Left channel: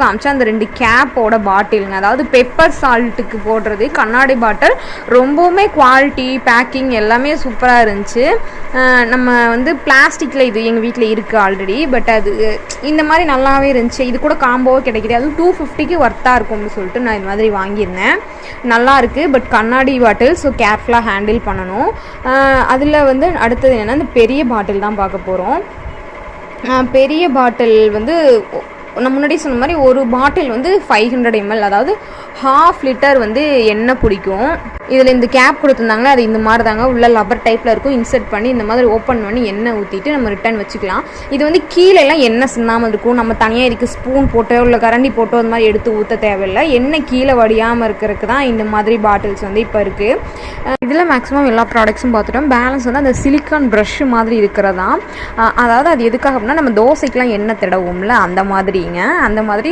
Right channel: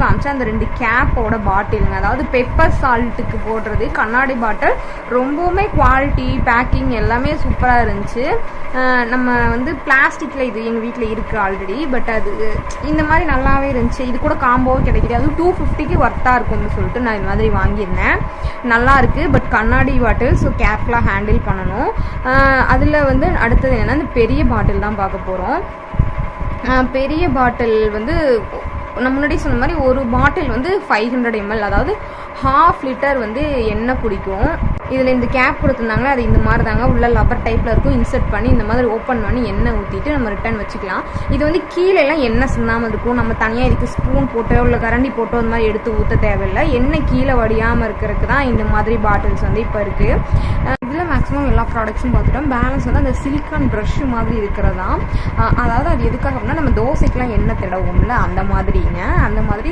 காமிச்சா அந்த 2 கேப்போட பாட்டிலுங்க. அதாவது பெப்பர் சால்ட்டுக்கு போடுறது கண்ணாடி பாட்டில். ரொம்பவுமே குவாலிட்டி பேக்கிங் எல்லாமே சூப்பராக இருந்துச்சு. நம்ம வந்து பிளாஸ்டிக்கில் இது எங்கள் வீட்டில் இருக்குது ஆல்ரெடி. பட் அது இந்த மாதிரி நல்லாவே இருந்துச்சு. இது கூட காம்போவாக கிடைக்கிது. அது 250க்கு ஒர்த்தாக இருக்கும்னு சொல்லிட்டு நான் இது மாதிரி வாங்கியிருந்தேன். நல்லா இருக்குது. பட் கண்ணாடி பாட்டில், ஸோ கேர்ஃபுல்லாக ஹேண்டில் பண்ணணும். அதில் வந்து அடுத்தது என்னென்னா இந்த பெரிய பாட்டில் தான் பார்க்க போகிறோம். பெரிய பாட்டில் வந்து நான் முன்னாடி சொன்ன மாதிரி ஒரு பாட்டில் வந்து 500 ml, அதாவது 1/2 லிட்டர் வந்து எண்ணெய் பிடிக்கும். இதில் இந்த கேப் கொடுத்துருந்தாங்களே அது இந்த மாதிரி தாங்க, உள்ள லப்பர் டைப்பில் இருக்கும். இன்சர்ட் பண்ணி இந்த மாதிரி ஓப்பன் பண்ணி எண்ணெய் ஊற்றிட்டு நம்ம ரிட்டர்ன் வச்சுக்கலாம். இது வந்து கீழெல்லாம் எண்ணெய் சிந்தாமல் இருக்கும். நம்ம தனியாக இதுக்கு ஸ்பூன் போட்டோ இல்லை கரண்டி போட்டோ அந்த மாதிரி எடுத்து ஊற்ற தேவையில்லை. எண்ணெய் கீழே வடியாமல் இருக்கிறதுக்கு தான் இந்த மாதிரி பாட்டில்ஸ் வந்து இப்போ இருக்குது. இதில் மேக்ஸிமம் எல்லா ப்ராடக்ட்ஸும் பார்த்துட்டோம். பேலன்ஸ் வந்து அந்த சிலிக்கான் ப்ரஷ் மாதிரி இருக்கிறதா. அதாவது அது எதுக்காக அப்படின்னா நம்ம தோசைக்கெலாம் எண்ணெய் தடவும்ல அந்த மாதிரிங்க. அந்த மாதிரி